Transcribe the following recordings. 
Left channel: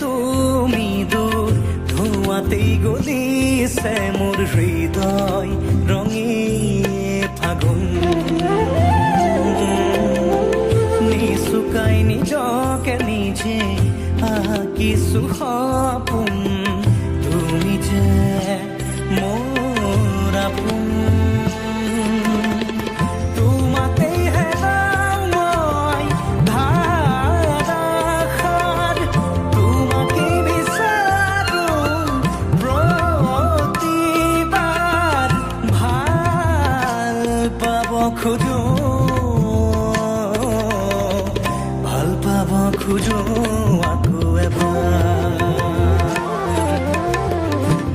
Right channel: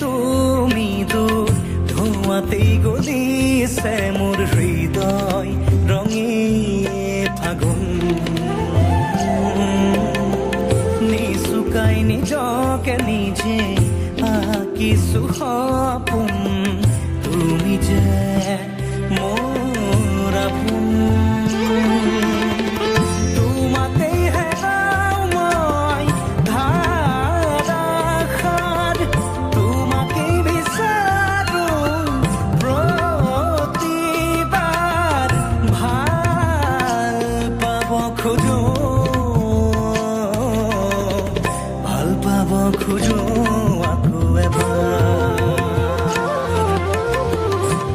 তুমি দূৰ ধোঁৱাতেই গলিছে মোৰ হৃদয় ৰঙী ফাগুন নিচুকাই নিজকে নিজে আঁকিছো সপোন তুমি যে মোৰ আপোন তোমাতেই হেৰাও মই ধাৰাসাৰ তোমাকে বিচাৰো প্ৰতিবাৰ ভাল পাব খোজো আকৌ এবাৰ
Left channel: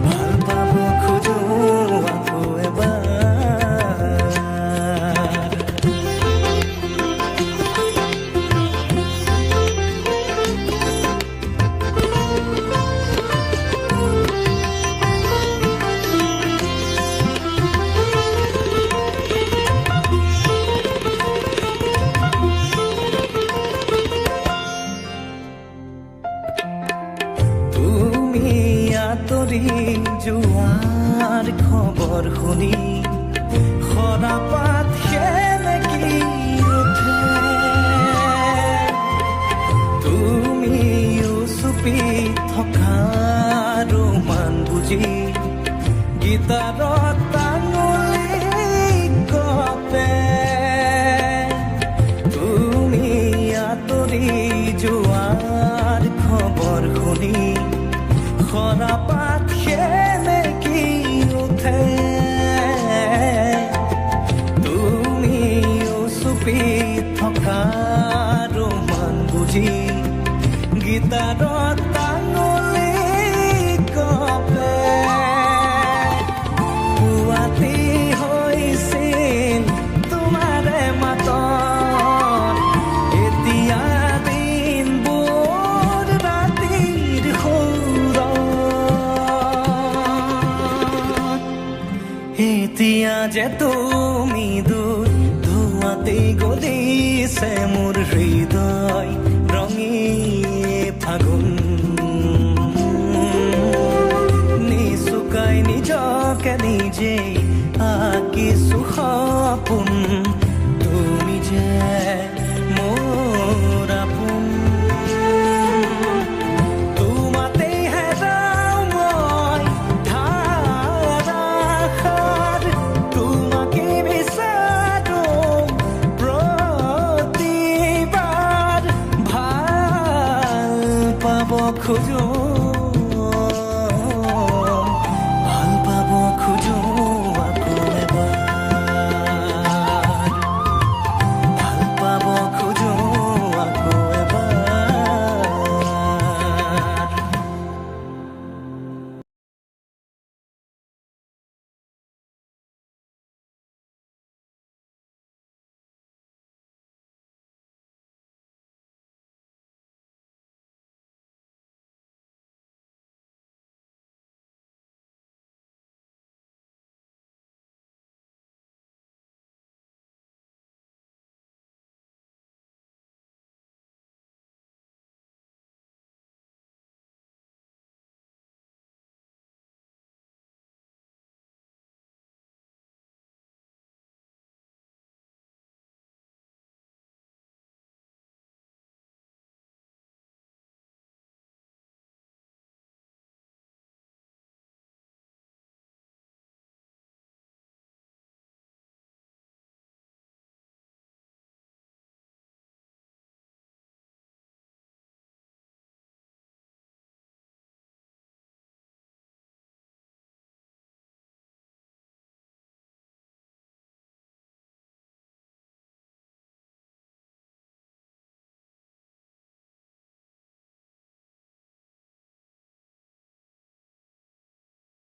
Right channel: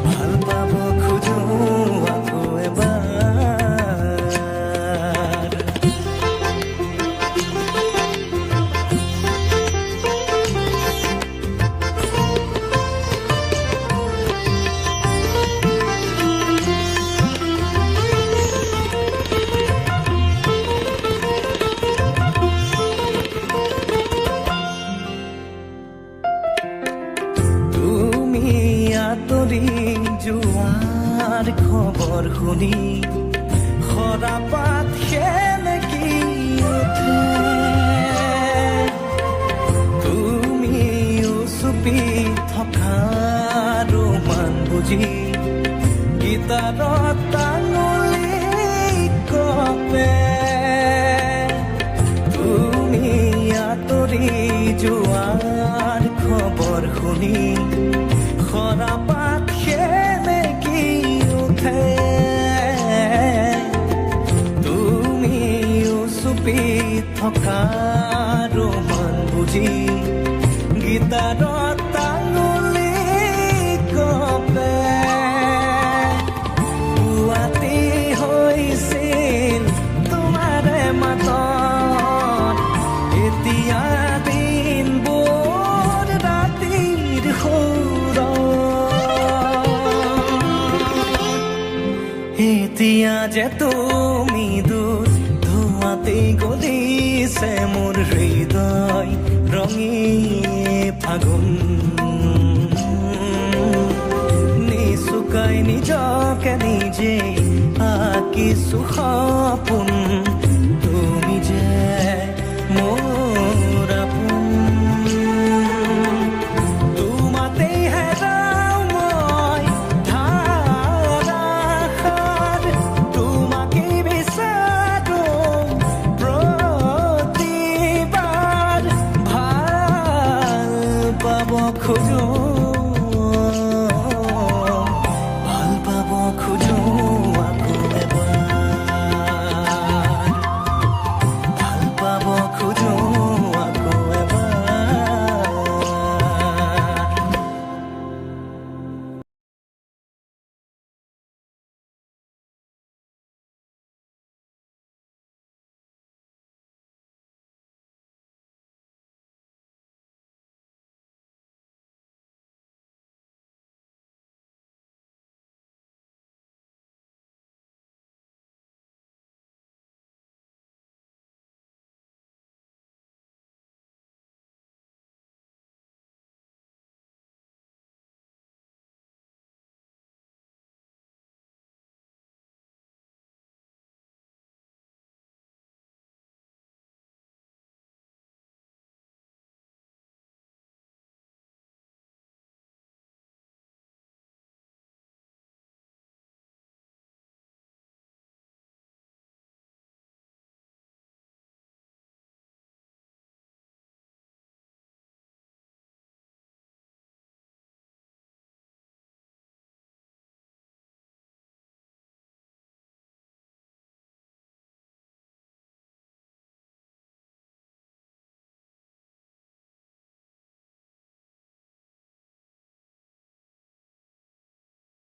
ভাল পাব খোজো আকৌ এবাৰ আঁতৰি যোৱাৰ খবৰ শুনি সৰাপাত সেমেকি উঠে তুমি চুপি থকা ৰোমান বুজি গীটাৰত আঙুলি কপে তুমি আঁতৰি যোৱাৰ খবৰ শুনি সৰাপাত সেমেকি উঠে তুমি চুপি থকা ৰোমান বুজি গীটাৰত আঙুলি কপে পুৱাতি হৈছিল তোমাৰে মাতত এতিয়া দিনবোৰ ৰাতিৰ এতিয়া যে তুমি দূৰ ধোঁৱাতেই গলিছে মোৰ হৃদয় ৰঙী ফাগুন নিচুকাই নিজকে নিজে আঁকিছো সপোন তুমি যে মোৰ আপোন তোমাতেই হেৰাও মই ধাৰাসাৰ তোমাকে বিচাৰো প্ৰতিবাৰ ভাল পাব খোজো